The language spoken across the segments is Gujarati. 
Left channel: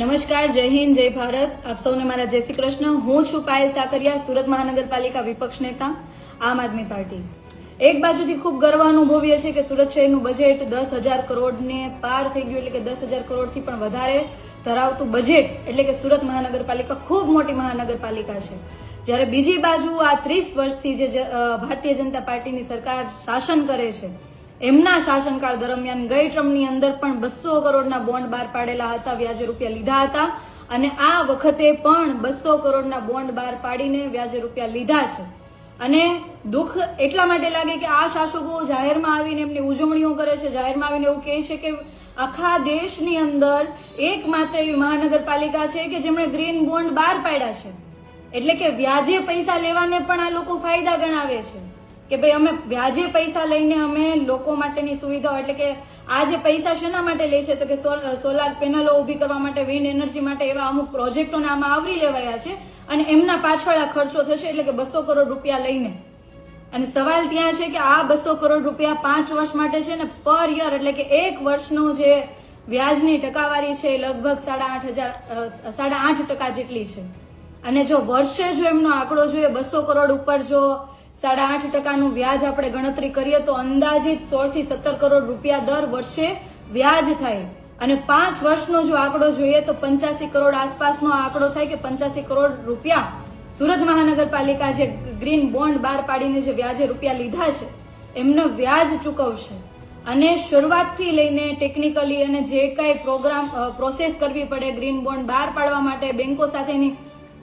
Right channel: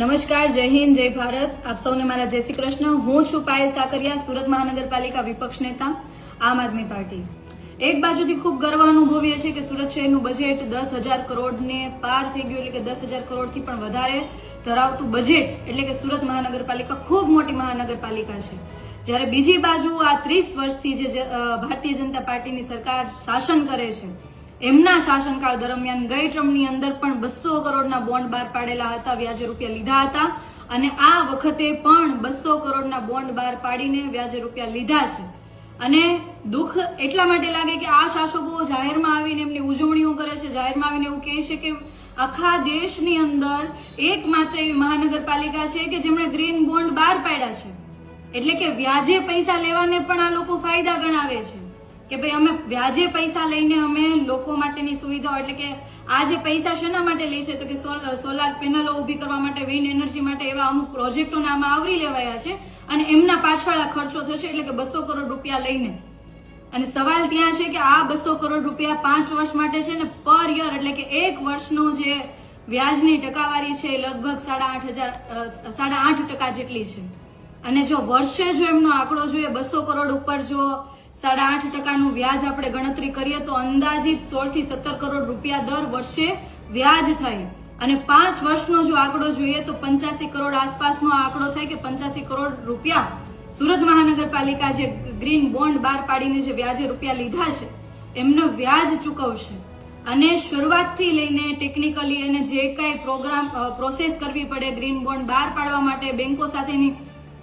નમસ્કાર, જય હિન્દ, જય ભારત. આપ સૌને મારા જય શ્રી કૃષ્ણ. હું છું પાયલ સાકરિયા, સુરત મહાનગરપાલિકા વિપક્ષ નેતા, આમ આદમી પાર્ટી. એક બાજુથી ખૂબ ગર્વ અનુભવીએ છીએ કે સુરત શહેરનું બજેટ 10,000 કરોડને પાર થઈ ગયું, એટલે કે 10,000 કરોડથી પણ વધારે ધરાવતું બજેટ, એટલે કે સુરત મહાનગરપાલિકા ખૂબ મોટી મહાનગરપાલિકા છે. જ્યારે બીજી બાજુ આ 30 વર્ષથી જે ભારતીય જનતા પાર્ટીની સરકાર શાસન કરે છે, એમના શાસનકાળ દરમિયાન ગઈ ટર્મની અંદર પણ 200 કરોડના બોન્ડ બહાર પાડેલા હતા, વ્યાજે રૂપિયા લીધા હતા, અને આ વખતે પણ 200 કરોડના બોન્ડ બહાર પાડીને વ્યાજે રૂપિયા લીધા છે. અને દુઃખ એટલા માટે લાગે કે આ શાસકો જાહેરમાં આવીને એમની ઉજવણીઓ કરે છે, જાહેરમાં આવીને એવું કહે છે કે આખા દેશની અંદર એકમાત્ર એવી મહાનગરપાલિકા છે કે જેમણે ગ્રીન બોન્ડ બહાર પાડ્યા છે. એટલે કે વ્યાજે પૈસા લેવાને પણ આ લોકો ફાયદા ગણાવે છે કે ભાઈ અમે વ્યાજે પૈસા લઈને અમે લોકો માટેની સુવિધાઓ, એટલે કે આ જે પૈસા શેના માટે લે છે તો કે સોલાર પેનલો ઉભી કરવા માટે, વિન્ડ એનર્જી માટે એવા અમુક પ્રોજેક્ટોને આમાં આવરી લેવાયા છે અને એમના પાછળ આ ખર્ચો થશે, એટલે કે 200 કરોડ રૂપિયા લઈને. અને સવાલ ત્યાં છે કે આ 200 કરોડ રૂપિયા 5 વર્ષ માટે છે ને પર યર, એટલે કે એક વર્ષનો જે વ્યાજની ટકાવારી છે લગભગ 8.5% જેટલી છે. અને જો વર્ષે જો એમનો આંકડો જોઈએ 200 કરોડ ઉપર જો 8.5%નું વ્યાજ આપણે ગણતરી કરીએ તો અંદાજિત 16 થી 17 કરોડ રૂપિયા દર વર્ષે વ્યાજ થાય. અને 5 વર્ષનો જો આંકડો જોઈએ તો 85 કરોડ આસપાસનો આંકડો થાય કે 85 કરોડ રૂપિયા સુરત મહાનગરપાલિકા જે ગ્રીન બોન્ડ બહાર પાડીને જે વ્યાજે રૂપિયા લીધા છે એમનો વ્યાજ ચૂકવશે. અને શરૂઆતથી લઈને ટેકનિકલી અને જે કઈ પ્રોસેસ કરવી પડે, ગ્રીન બોન્ડ બહાર પાડવા માટે બેંકો સાથેની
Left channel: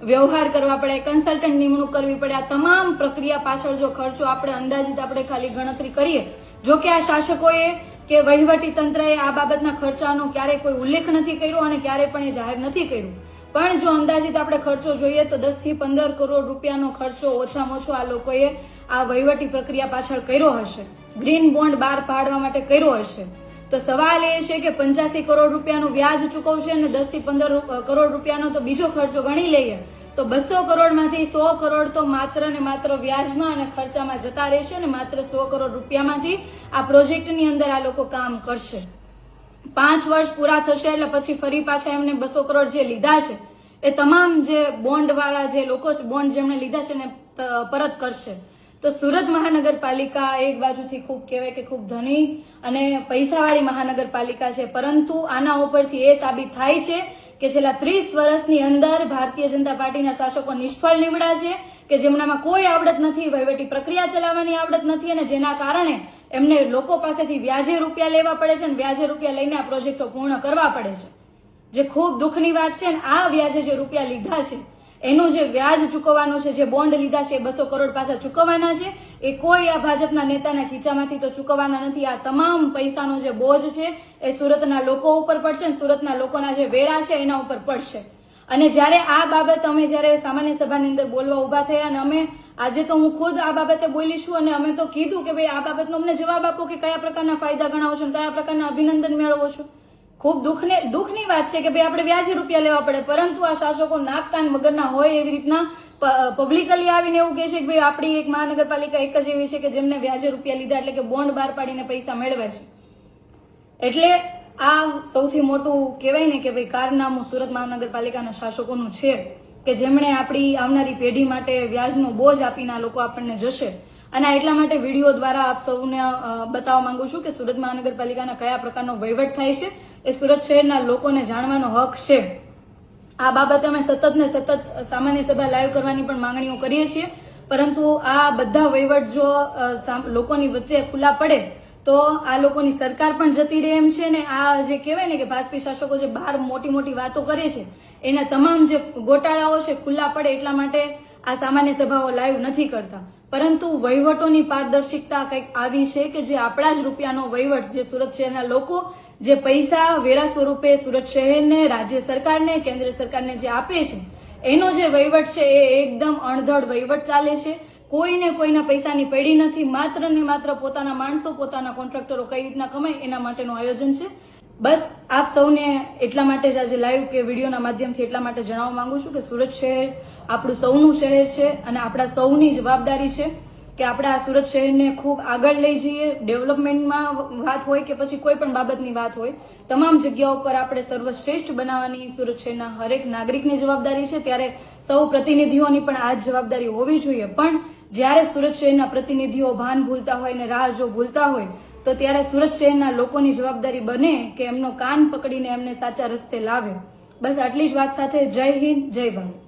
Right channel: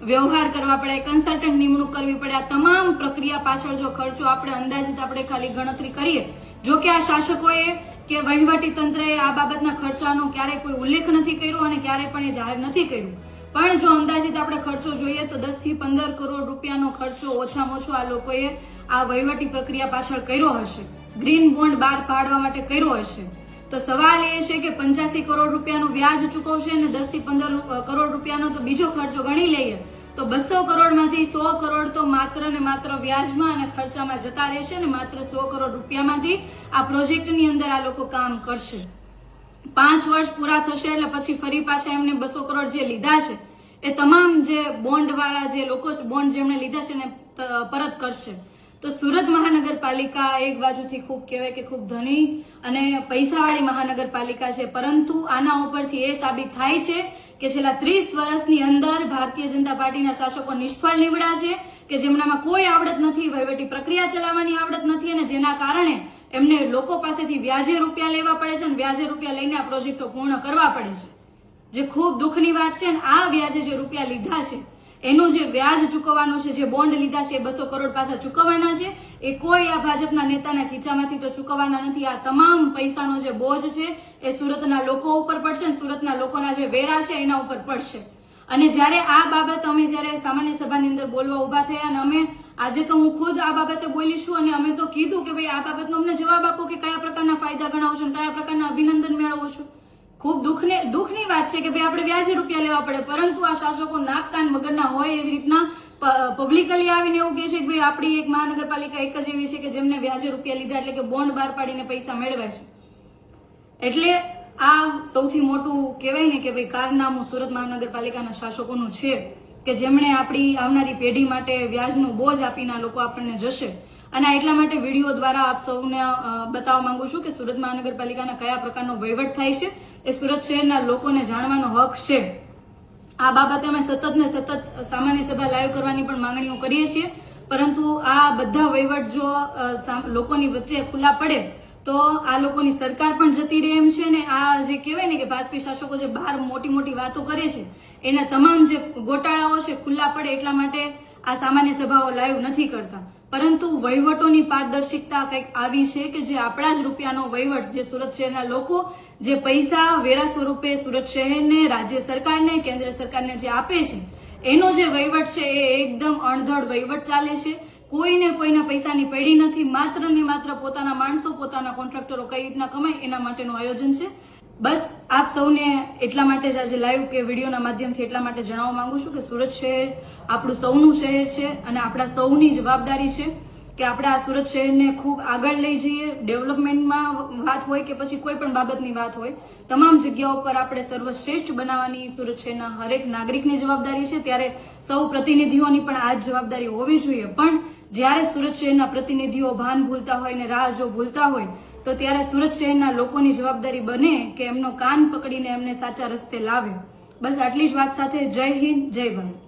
વ્યવહાર કરવા પડે, કન્સલ્ટન્ટ નિમણૂક કરવી પડે, આ તમામ પ્રક્રિયા પાછળ જો ખર્ચો આપણે અંદાજિત આપણે ખાલી ગણતરી કરીએ, જો કે આ શાસકોએ કે વહીવટી તંત્રએ આ બાબતના ખર્ચાનો ક્યારેય કોઈ ઉલ્લેખ નથી કર્યો અને ક્યારેય પણ એ જાહેર નથી કર્યું, પણ જો અંદાજિત આપણે ખર્ચો જોઈએ તો 10 થી 15 કરોડ રૂપિયાનો ખર્ચો ઓછામાં ઓછો આ લોકોએ આ વહીવટી પ્રક્રિયા પાછળ કર્યો હશે, ગ્રીન બોન્ડ બહાર પાડવા માટે કર્યો હશે. તો સવાલ એ છે કે 85 કરોડ રૂપિયાનું વ્યાજ ચૂકવશે અને 10 થી 15 કરોડ રૂપિયાનો તો બીજો ખર્ચો ગણી લઈએ તો 200 કરોડમાંથી 100 કરોડ તો માત્ર ને માત્ર વ્યાજમાં અને ખર્ચામાં જતા રહેશે અને માત્ર 100 કરોડ રૂપિયામાંથી આ પ્રોજેક્ટની અંદર આ લોકો કામ કરશે. 5 વર્ષ પૂરા થશે એટલે પછી ફરી પાછા એમને 200 કરોડ જે લીધા છે એ તમામ જે બોન્ડ વાળા જે લોકો છે, બોન્ડ જેમણે લીધા છે ને પરત કરશે. તો સુરત મહાનગરપાલિકા એક બાજુથી ખૂબ કહેવાય કે ખૂબ ધની અને પૈસાવાળી મહાનગરપાલિકા છે, પરંતુ આના ઉપરથી એ સાબિત થાય છે કે છેલ્લા 30 વર્ષની અંદર ભારતીય જનતા પાર્ટીના શાસકો નિષ્ફળ નીવડ્યા છે કે જેમનામાં કોઈ આવડત નથી, વહીવટી પ્રક્રિયા ચલાવવાની આવડત નથી, અને જેના કારણે એમને લોકો પાસેથી વ્યાજે રૂપિયા લેવા પડે છે અને વ્યાજે રૂપિયા લઈને આ પ્રોજેક્ટો પૂર્ણ કરવા પડે છે, જે ખૂબ દુઃખની વાત છે. અને આ વ્યાજે જે રૂપિયા લીધા છે એનું જે વ્યાજ ચૂકવવાનું છે, જે બોન્ડ લીધા છે એ 200 કરોડ પાછા ચૂકવવાના છે, એ કોઈ આ ભાજપના નેતાના ખીચામાંથી તો ચૂકવવાના નથી. આ તમામ પૈસાનો જે બોજ છે એ સુરતના લોકો ઉપર પડશે, સુરતના લોકોના જે વેરા છે એના ઉપર પડશે. અને જ્યારે આ બાબત અમે જ્યારે સામાન્ય સભાની અંદર બોલવા ઉભા થયા અને અમે આજે તો હું ખુદ આ બાબતે બોલીશું અને અમે તો કીધું કે ભાઈ આ બાબતનો અમને જવાબ આપો કે કયા પ્રકારના ફાયદા ગણાવો છો, કયા પ્રકારના અભિનંદન મેળવો છો. ખૂબ દુઃખની વાત છે કે ભાઈ આપણે વ્યાજે રૂપિયા લેવા પડે, પરંતુ આ શાસકો નાક કાન વગરના હોય એવી રીતના પબ્લિકલી આવીને એવું કહે છે કે ભાઈ આપણી એક મહાનગરપાલિકા એક જ એવી છે કે જેમને વ્યાજે રૂપિયા લીધા એટલે કે બોન્ડ બહાર પાડીને પૈસા મેળવે છે. એટલે આ સૌથી મોટું કહેવાય ને કે ભાઈ કારનામું સુરત મહાનગરપાલિકાના શાસકોનું છે કે જેમણે આપણી આવનારી પેઢી માટે વ્યાજનો બોજ આપીને આ લોકો આપણને જશે. અને એટલા માટે વિડીયો દ્વારા આપ સૌને બતાવવા માંગુ છું કે સુરત મહાનગરપાલિકાના કયા પ્રકારનો વહીવટ થાય છે એ સુરત શહેરના લોકોને જાણવાનો હક છે. આ બાબતે અમે સતત સામાન્ય સભા લાઈવ કરવાની પણ માંગણીઓ કરીએ છીએ, પરંતુ આ બધા વહીવટ જો લોકોની વચ્ચે ખુલ્લા પડે તો આ લોકોની સરકાર પણ જતી રહે એમ છે. ને આ જે કહેવાય ને કે ભાજપી શાસકો જે બહાર મોટી વાતો કરે છે એના તમામ જે ગોટાળાઓ છે ખુલ્લા પડે એટલા માટે આ સામાન્ય સભાઓ લાઈવ નથી કરતા. પરંતુ વહીવટોની પારદર્શિકતા કંઈક આવી છે કે જે આપણા જ રૂપિયાનો વહીવટ, જે સુરત શહેરના લોકો જે પૈસા વેરા સ્વરૂપે સુરત શહેરને, રાજ્ય સરકારને, કેન્દ્ર સરકારને જે આપે છે એનો જે વહીવટ છે એ એકદમ અણધડ વહીવટ ચાલે છે. કોઈને કોઈના પૈસાની પેઢી નથી, માત્ર ને માત્ર પોતાના માણસો, પોતાના કોન્ટ્રાક્ટરો કઈ રીતના કમાય એના માટેનું આયોજન છે. બસ આપ સૌને એટલા માટે જ આજે લાઈવ કે વિડીયોના માધ્યમથી એટલા માટે જણાવવા માંગુ છું કે સુરત શહેર આપણું સૌનું શહેર છે અને આપણા સૌની જવાબદારી છે કે આપણે આ સુરત શહેરને ખૂબ આગળ લઈ જઈએ. ડેવલપમેન્ટમાં વાત હોય કે પછી કોઈ પણ બાબતની વાત હોય, તમામ જગ્યાઓ પર આપણે સર્વશ્રેષ્ઠ બનાવવાની સુરત શહેરના હરેક નાગરિકની જવાબદારી છે. ત્યારે સૌ પ્રતિનિધિઓની પણ આ જ જવાબદારી હોવી જોઈએ. પણ જ્યારે સુરત શહેરના પ્રતિનિધિઓ ભાન ભૂલતા હોય ને રાહ જો ભૂલતા હોય, તો ત્યારે સુરત શહેરના લોકોની જવાબદારી બને કે એમનો કાન પકડીને એમને સાચા રસ્તે લાવે. બસ આટલી જ વાત સાથે જય હિન્દ, જય ભારત.